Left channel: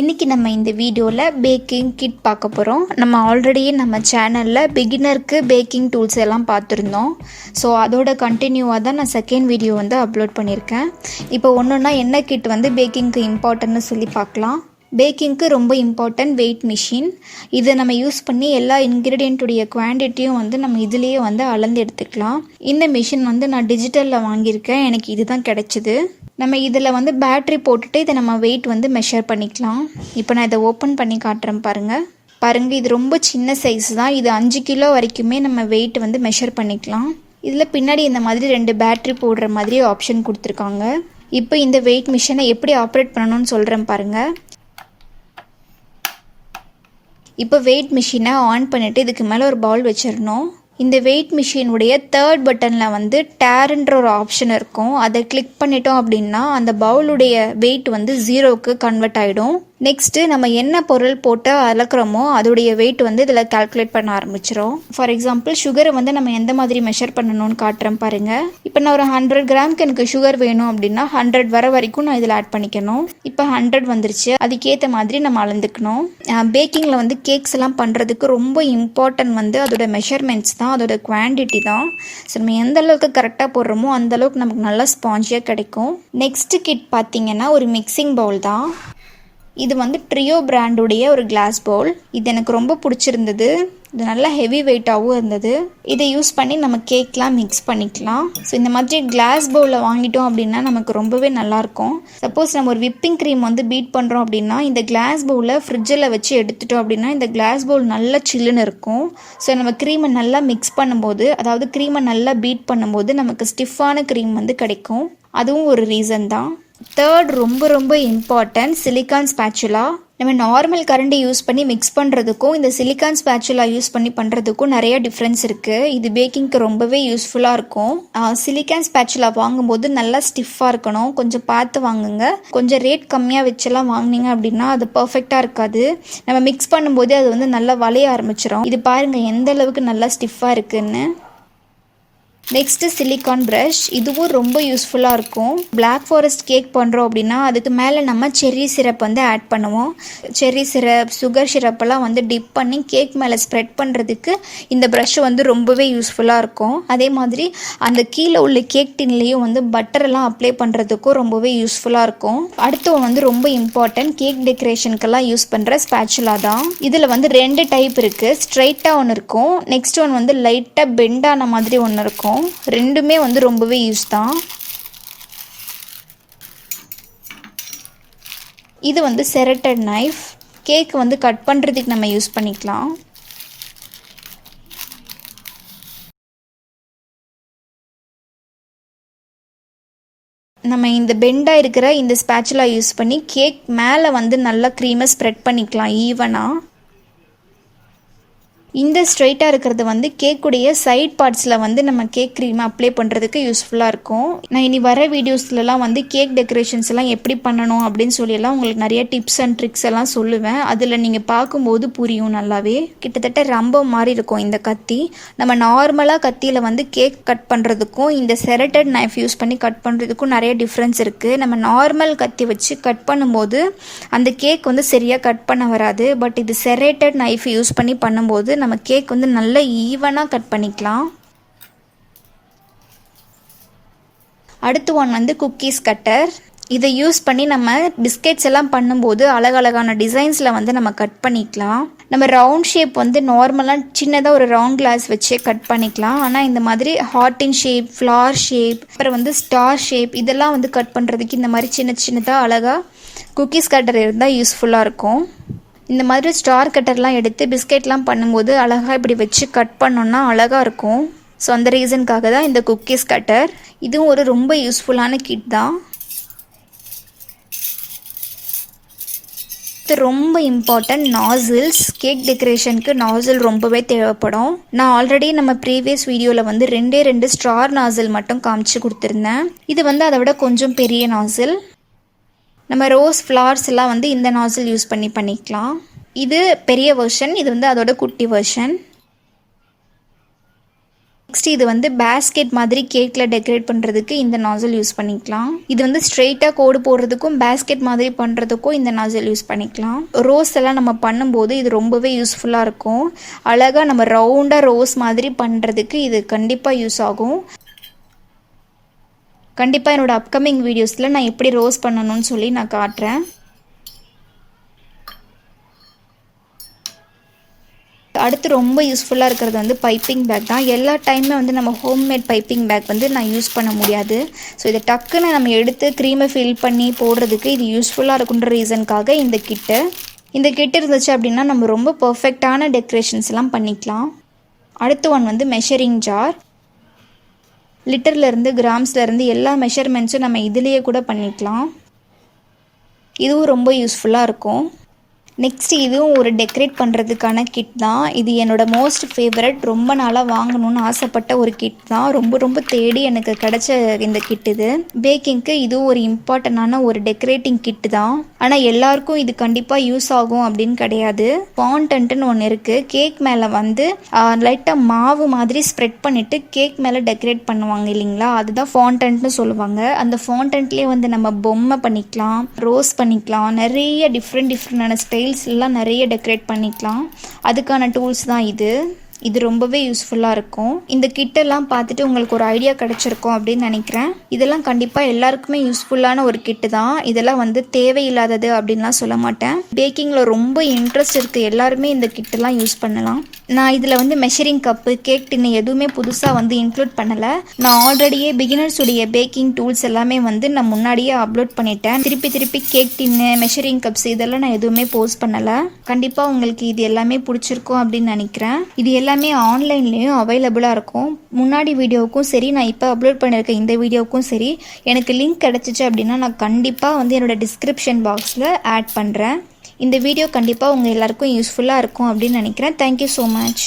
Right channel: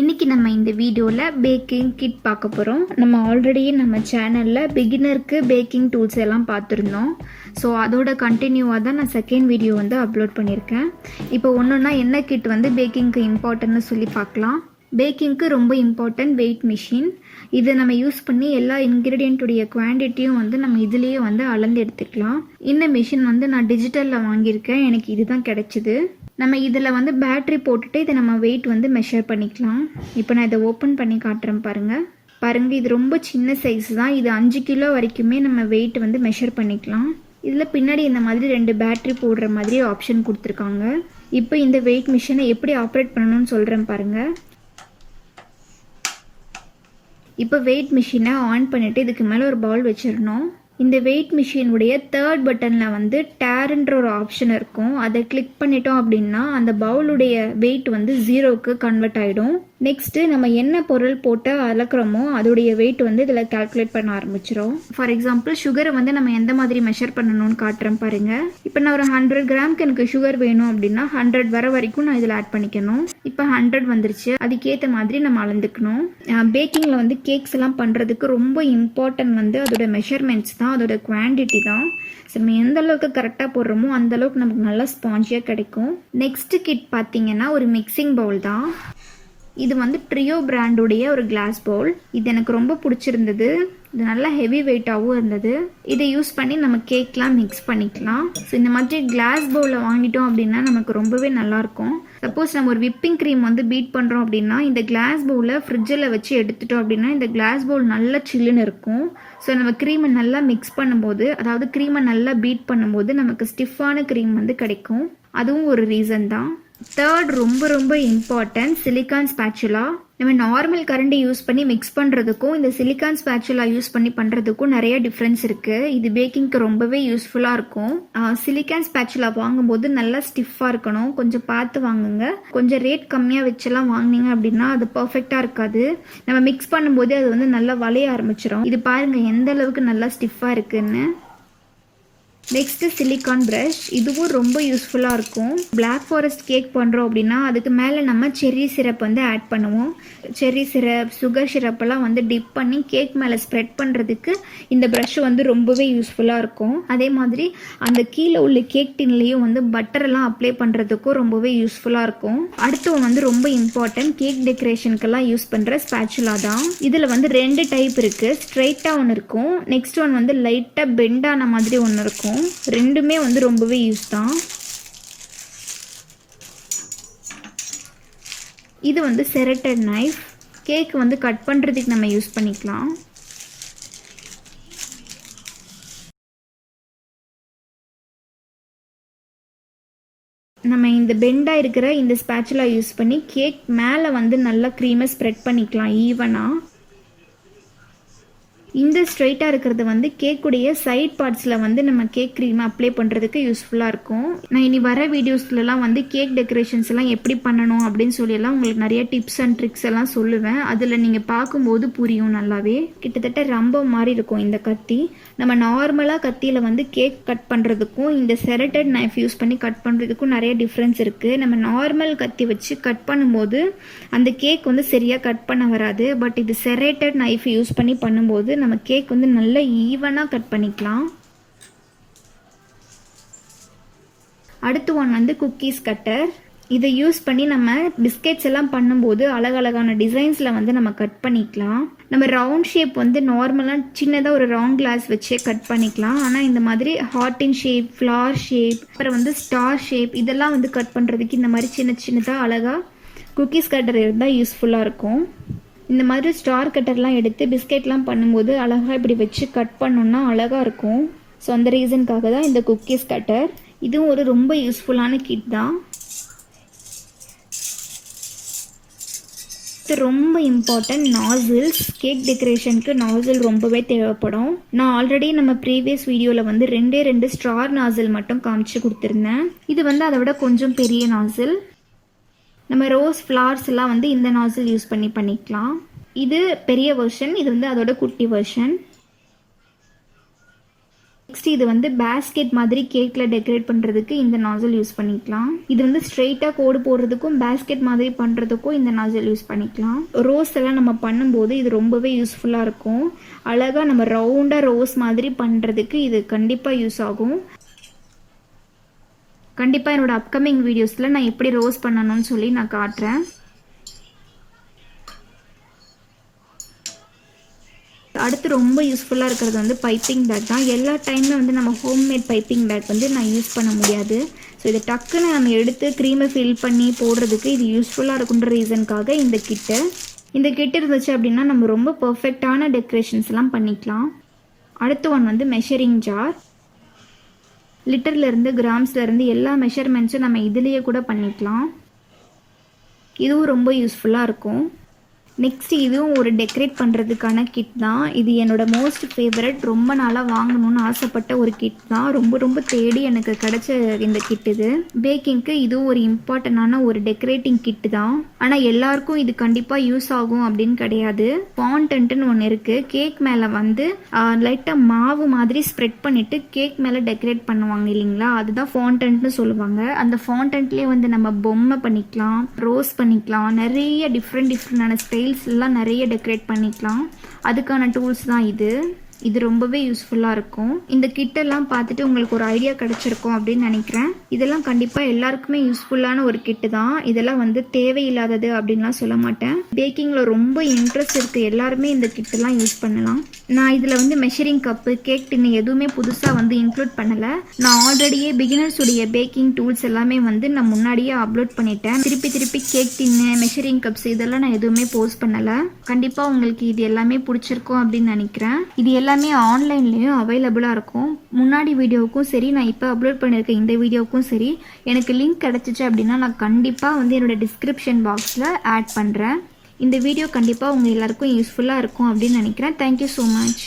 இன்றைக்கி நம்ம இந்த வீடியோவில் பேக்கிங் கிட் பார்க்க போகிறோம். நம்ம ஆல்ரெடி நம்ம சேனலில் பிகினருக்கு பேக்கிங் டூல்ஸ் எல்லாம் பார்த்துருந்தோம். ஸோ அதோட கண்டினியூவாக தான் நான் செகண்ட் வீடியோ வந்து அப்லோட் பண்ணியிருக்கேன். இப்போ ஒன்றுன்னா என்ன கிட் வந்து பேக்கிங்க்கு இம்பார்ட்டன்ட்னு சொல்லி பார்க்கலாம். பேக்கிங்க்கு ரொம்ப இம்பார்ட்டன்ட் வெயிட் மிஷின். இதை நம்ம யூஸ் பண்ணி எல்லா இன்க்ரீடியண்ட்டுடைய குவான்டிட்டியும் வந்து நம்ம இதுலேயே வந்து அளந்து எடுத்துக்கலாம். இந்த மிஷின் வந்து நான் டிஜிட்டலில் வாங்கியிருக்கேன். எனக்கு இது தான் கிடச்சிது. நம்ம இதில் வந்து பேட்ரி போட்டுட்டு இதை நம்ம வெயிட் வந்து மெஷர் பண்ணிக்கலாம். இப்போ நான் இதை ஓப்பன் பண்ணி காட்டுறேன் பாருங்கள். இது ரொம்ப சின்ன சைஸ் தான். இது 5 கிலோ வரைக்குமே நம்ம வெயிட் வந்து மெஷர் பண்ணிக்கலாம். இதில் பின்னாடி இந்த மாதிரி 2 பேட்ரி போடுற மாதிரி ஆப்ஷன் கொடுத்துருக்காங்க. இப்போ இந்த வெயிட் மிஷினை எப்படி ஆப்ரேட் பண்ணணும்னு சொல்கிறேன் பாருங்கள். இப்போ வெயிட் மிஷினை ஆன் பண்ணிவிட்டு இதுக்கு மேலே ஒரு பவுல் வச்சிடணும். இந்த வெயிட் மிஷினுடைய 3rd பட்டனில் வந்து டேர்ன்ற ஒரு ஆப்ஷன் இருக்கும். அதை கிளிக் பண்ணிட்டோம் அப்படின்னா அந்த பவுலுடைய வெயிட் வந்து 0க்கு கன்வெர்ட் ஆகிடும். நெக்ஸ்ட்டு நம்ம என்ன பொருள் போட்டு அளக்குறோமோ அதோடைய வெயிட் வந்து இதில் கால்குலேட் பண்ண ஆரம்பிச்சிடும். ஃபார் எக்ஸாம்பிள் சுகரை வந்து நம்ம எந்த மாதிரி மெஷர் பண்ணணும்னு காட்டுறேன் பாருங்கள். இப்போ நான் ஒரு 100 கிராமுக்கு எனக்கு சுகர் வேணும் அப்படின்னா 100 வர வரைக்கும் நான் இதில் ஆட் பண்ணிக்கணும். இப்போ 100 வந்துருச்சு. அதுக்கேற்ற மாதிரி நம்ம அளந்துக்கணும். பேக்கிங்கில் வந்து கேக்ஸ் எல்லாம் பண்ணுறதுக்கு ரொம்ப இம்பார்ட்டன்ட் வந்து அதோட மெஷர்மெண்ட்ஸ் தான், அதோட குவான்டிட்டி தான். ஸோ நம்ம எந்த அளவுக்கு கரெக்டாக போடுறோமோ அந்த அளவுக்கு நமக்கு நல்லா ஸ்பாஞ்சியாக கிடைக்கும். நெக்ஸ்ட் கிட் பார்த்திங்கன்னா ஒரு மிக்சிங் பவுல் தான். இது வந்து ட்ரியோ பிராண்டுடைய ஒரு கிளாஸ் பவுல். இது எனக்கு ரொம்ப பிடிச்சிருந்தது. இது நல்லா ஹெவி வெயிட்டாகவும் இருந்தது. இதை யூஸ் பண்ணி நம்ம கேக்லாம் மிக்ஸ் பண்ணிக்கலாம். ஸோ இந்த மாதிரி கிளாஸ் பவுலில் வாங்கிட்டோம் அப்படின்னா நமக்கு ரொம்பவே நல்லாயிருக்கும். சப்போஸ் நம்ம ஒரு விப்பிங் க்ரீம் வந்து பீட் பண்ணுறோம் அப்படின்னா இந்த கிளாஸ் பவுலை ஃப்ரிட்ஜில் வச்சு எடுத்துட்டோம் அப்படின்னா இந்த கிளாஸ் பவுல் நல்லா சில்லுன்னு இருக்கும். ஸோ நம்ம க்ரீமை நல்லா மிக்ஸ் பண்ணும்போது, அதாவது க்ரீமை நல்லா பீட் பண்ணும்போது நமக்கு ஸ்டிஃபான க்ரீம் வந்து கிடைக்கும். அதுவும் ஒரு ரீசன் தான். 3rd ரொம்ப இம்பார்ட்டன்ட் சிலிக்கான் ஸ்பேச்சுலா. நம்ம நார்மல் கரண்டி யூஸ் பண்ணி மிக்ஸ் பண்ணுறதுக்கும் இந்த சிலிக்கான் ஸ்பேச்சுலா யூஸ் பண்ணி பண்ணுறதுக்கும் நிறைய டிஃப்ரென்ஸ் இருக்குது. இது பேக்கிங்க்கு ரொம்பவே யூஸ்ஃபுல்லாக இருக்கும். சிலிக்கான் ஸ்பேச்சுலா வாங்கும்போது நல்லா ஸ்டிஃபாக இருக்கணும். கொஞ்சம் பார்த்து வாங்குங்க. கொஞ்சம் ரேட் கம்மியாக வச்செல்லாம் வாங்கினீங்க அப்படின்னா அது பர்ஃபெக்டாக இருக்காது. நம்ம மிக்ஸ் பண்ணும்போதே அது வந்து நல்லா வளைய ஆரம்பிச்சிடும். இது பாருங்கள் எந்த அளவுக்கு நல்லா ஸ்டிஃபாக இருக்குன்னு. Next silicon brush. இதுவும் ரொம்ப யூஸ்ஃபுல்லாக இருக்கும். பிளாக் ஃபாரஸ்ட் கேக் பண்ணுறோம் அப்படின்னா அதுக்கு மேலே நம்ம செர்ரி சிரப் வந்து ஆட் பண்ணுவோம். செர்ரி சிரப், சுகர் சிரப்பெல்லாம் வந்து டிப் பண்ணி கேக் மேலே ஸ்ப்ரெட் பண்ணுறதுக்கு இந்த ப்ரஷ் வந்து ரொம்பவே யூஸ்ஃபுல்லாக இருக்கும். அதே மாதிரி அந்த கீழே உள்ள கேக் டின்லேயும் வந்து பட்டரெல்லாம் அப்ளை பண்ணுறதுக்கும் ரொம்பவே யூஸ்ஃபுல்லாக இருக்கும். அடுத்து வந்து ரொம்ப இம்பார்ட்டன்ட் கேக் டெக்கரேஷனுக்கெல்லாம் யூஸ் பண்ணுற ஸ்பேச்சுலா தான். இதில் வந்து 2 டைப் இருக்குது. ஸ்ட்ரைட்டாக ஒன்று இருக்கும். நெக்ஸ்ட் ஒன் வந்து லைட்டாக பெண்டான மாதிரி ஒன்று இருக்கும். ரெண்டுமே வந்து ரொம்பவே யூஸ் தான். இது வந்து செரட்டட் நைஃப். கேக் வந்து கட் பண்ணுறதுக்கு நம்ம யூஸ் பண்ணிக்கலாம். நம்ம இந்த பெண்டாக இருக்கிற இந்த ஸ்பேச்சுலா யூஸ் பண்ணி கேக் மேலே வந்து நல்லா க்ரீமை ஸ்ப்ரெட் பண்ணிக்கலாம் ஈவனாக. இந்த ஸ்ட்ரைட்டாக இருக்கிறது வந்து கேக்குடைய சைட் பார்ட்ஸில் வந்து நம்ம கேக் க்ரீமை அப்ளை பண்ணுறதுக்கு யூஸ்ஃபுல்லாக இருக்கும். நான் இனி வர வீடியோஸ்லலாம் வந்து கேக் டெக்கரேஷன்ஸ் எல்லாம் எப்படி பண்ணணும் அப்படின்னு சொல்லியெல்லாம் உங்களுக்கு நிறைய டிப்ஸ் அண்ட் ட்ரிக்ஸ் எல்லாம் சொல்லுவேன். அதில் நீங்கள் பார்க்கும்போது புரியும் நல்லாவே. கிட்டத்தட்ட ரொம்ப மாதிரி இருக்கும் இந்த கத்தி. நம்ம நார்மலாக கத்தியில் வந்து கேக் கட் பண்ணுறதுக்கும் இந்த செரட்டட் நைஃப் யூஸ் பண்ணி கட் பண்ணுறதுக்கும் நிறைய டிஃப்ரென்ஸ் இருக்குது. நம்ம நார்மல் கத்தி வச்சு கட் பண்ணும்போது அந்த கேக் வந்து சரியாக கட் பண்ண வராது. பட் இது செரட்டட் நைஃப் யூஸ் பண்ணி பண்ணும்போது நம்ம கேக் வந்து நல்லா ஈவனாக கட் பண்ணிக்கலாம். அடுத்து ஒன் வந்து குக்கீஸ் கட்டர். இதை யூஸ் பண்ணி நம்ம பிஸ்கெட்ஸ் எல்லாம் பண்ணும்போது அழகழகான டிசைன்ஸில் வந்து நம்ம கட் பண்ணிக்கலாம். நம்ம ரவுண்ட் ஷேப் வந்து நார்மலாக சின்னதாக ஒரு ரவுண்ட் கிளாஸ் வச்சு கட் பண்ணிக்கலாம். ஆனால் இந்த மாதிரி ஹார்ட்டின் ஷேப், ஃப்ளார் ஷேப், அப்புறம் வந்து ஸ்டார் ஷேப் இதெல்லாம் வந்து கட் பண்ணுறதுக்கு இந்த மாதிரி சின்னதாக அழகாக குக்கீஸ் கட்டர் இருந்தால் யூஸ்ஃபுல்லாக இருக்கும். இந்த மாதிரி ஸ்டார் கட்டர்லாம் எடுத்து பிஸ்கெட்லாம் பண்ணும்போது அழகாக இப்படி வச்சு கட் பண்ணோன்னா அழகாக இருக்கும். ஸோ அந்த ரீசனுக்காக தான் இந்த குக்கீஸ் கட்டர். இதுவும் ஒரு ரொம்ப யூஸ்ஃபுல்லான கிட் தான். இது ரொம்ப இம்பார்ட்டன்ட் நாசில்ஸ். கேக் டெக்கரேஷனுக்கு நாசில் ரொம்பவே தேவைப்படும். நான் ஆல்ரெடி நம்ம ப்ரீவியஸ் வீடியோவில் வந்து 2 ஸ்டார் நாசில் மட்டும் காமிச்சு கொடுத்துருந்தேன். இது வந்து அதை விட கொஞ்சம் பெரிய நாசில். நம்ம ரோஸ் ஃப்ளவர்ஸ் எல்லாம் வந்து இந்த நாசில் யூஸ் பண்ணிக்கலாம். இது பெரிய வெர்ஷன். இது வந்து அதோட குட்டி வெர்ஷன். நெக்ஸ்ட் இது வந்து பேஸ்கெட் மாதிரி கேக்கில் டெக்கரேட் பண்ணுறதுக்கு இந்த நாசல் யூஸ் பண்ணிக்கலாம். இது வந்து ஸ்ட்ரெயிட்டாக கோடு போடுறதுக்கும் பேஸ்கெட் மாதிரி பண்ணுறதுக்கும் இந்த நாசல் யூஸ் பண்ணிக்கலாம். ரோஸ் எல்லாம் நம்ம பண்ணும்போது இது ரொம்பவே யூஸ்ஃபுல்லாக இருக்கும். அழகாக நம்ம ரவுண்டாக ரோஸ் மாதிரி பண்ணுறதுக்கு இது கண்டிப்பாக யூஸ் ஆகும். கண்டிப்பாக என்னோடய அப்கமிங் வீடியோஸில் நான் எப்படி ரோஸ் பண்ணணும்னு சொல்லி நான் காட்டுறேன். அடுத்து ரொம்ப யூஸ்ஃபுல்லாக இருக்கிறது வந்து பைப்பிங் பேக் தான். எல்லா டைமுமே வந்து நம்ம ஹோம்மேட் பைப்பிங் பேக் வந்து நான் யூஸ் பண்ண முடியாது. ஸோ இதை டக்குன்னு நம்ம எடுத்து க்ரீமை ஃபில் பண்ணி போடுறதுக்கு இது யூஸ்ஃபுல்லாக இருக்குன்ற ரீசனுக்காக இந்த கிட்டு இருந்துச்சு அப்படின்னா நம்ம ரொம்ப பர்ஃபெக்டான டெக்கரேஷன்ஸ்லாம் பண்ணிக்கலாம். அடுத்த ஒன் வந்து மெஷரிங் ஜார். லிட்டர்லேருந்து கிராம்ஸ்லேருந்து எல்லா மெஷர்மெண்ட்ஸும் நம்ம இதுலேயே கூட பண்ணிக்கலாம். இதுவும் ரொம்ப யூஸ்ஃபுல்லாக இருக்கும். நெக்ஸ்ட் இதுவும் ஒரு டெக்கரேட் பண்ணுறதுக்கான கிட் தான். இது என்னோடய மோஸ்ட் ஃபேவரட். ரொம்ப நாளாக வாங்கணும்னு ஆசைப்பட்ட ஒரு கிட் தான். ரொம்ப தேடி எனக்கு கிடச்ச இந்த கிட் இது. பேக்கிங்க்கு இதுவும் ஒரு இம்பார்ட்டண்டான ஒரு டெக்கரேட்டிங் கிட்டு தான். ஆனால் எல்லாருக்கும் இது கண்டிப்பாக யூஸ் ஆகும் அப்படின்னு கிடையாது. ஃபாண்டன்ட்னு ஒன்று இருக்குது. கேக் மேலே வந்து லைட்டாக மாவு மாதிரி ஸ்ப்ரெட் பண்ணிவிட்டு கேக் மேலே டெக்கரேட் பண்ணுவாங்க இல்லைங்களா, அதுதான் ஃபாண்டன்ட்னு சொல்லுவாங்க. அந்த ஃபாண்டன்ட்லேயே வந்து நம்ம பொம்மை பண்ணிக்கலாம், ரோஸ் பண்ணிக்கலாம், நிறைய டிஃப்ரெண்டான ஸ்டைல்ஸ் எல்லாம் நிறைய டெக்கரேட் பண்ணிக்கலாம். அதுக்கான டூல்ஸ் தான் இது ரொம்பவே யூஸ்ஃபுல்லாக இருக்கும். இந்த கிட்டெல்லாம் பார்த்துட்டு உங்களுக்கு ஒரு ஐடியா கிடச்சிருக்கும் அப்படின்னு நினைக்கிறேன். இதெல்லாம் கண்டிப்பாக எல்லாருக்குமே யூஸ்ஃபுல்லான ஒரு கிட்டு தான். இதெல்லாம் வந்து தேவையில்லாதது அப்படின்லாம் சொல்ல மாட்டேன். பேக்கிங்கில் ரொம்ப இன்ட்ரெஸ்ட் இருக்குது எல்லாருமே இந்த கிட்டெல்லாம் யூஸ் பண்ணலாம். நான் இதில் வந்து மெஷரிங் கப்பு, கேக் டின்னு எதுவுமே புதுசாக வந்து இன்க்ளூட் பண்ணலை. நான் ஆல்ரெடியே பிகினர்ஸுடைய பேக்கிங் டூல்ஸ் எல்லாமே வந்து நான் முன்னாடியே அப்லோட் பண்ணிட்டேன். திருப்பி கேக் டின்னு, மெஷரிங் கப்ஸ் இதெல்லாம் நான் எதுவுமே போஸ்ட் பண்ணலை. கண்டிப்பாக உங்களுக்கு இது எல்லாமே பிடிச்சிருக்கும் அப்படின்னு நினைக்கிறேன். இது எல்லாமே ஆன்லைன்லேயும் அவைலபிளாக இருக்கும். முன்னாடி வீடியோவுக்கும் சரி, நான் இப்போ அப்லோட் பண்ணியிருக்க இந்த வீடியோவுக்கும் சரி, எனக்கு லிங்க் கிடச்சிச்சு அப்படின்னா நான் கண்டிப்பாக வந்து என்னோடய டிஸ்கிரிப்ஷன் பாக்ஸில் ஆட் பண்ணுறேன். இந்த வீடியோ கண்டிப்பாக உங்கள் எல்லாருக்கும் யூஸ்ஃபுல்லாக இருக்கும் அப்படின்னு நினைக்கிறேன். Thank you so much.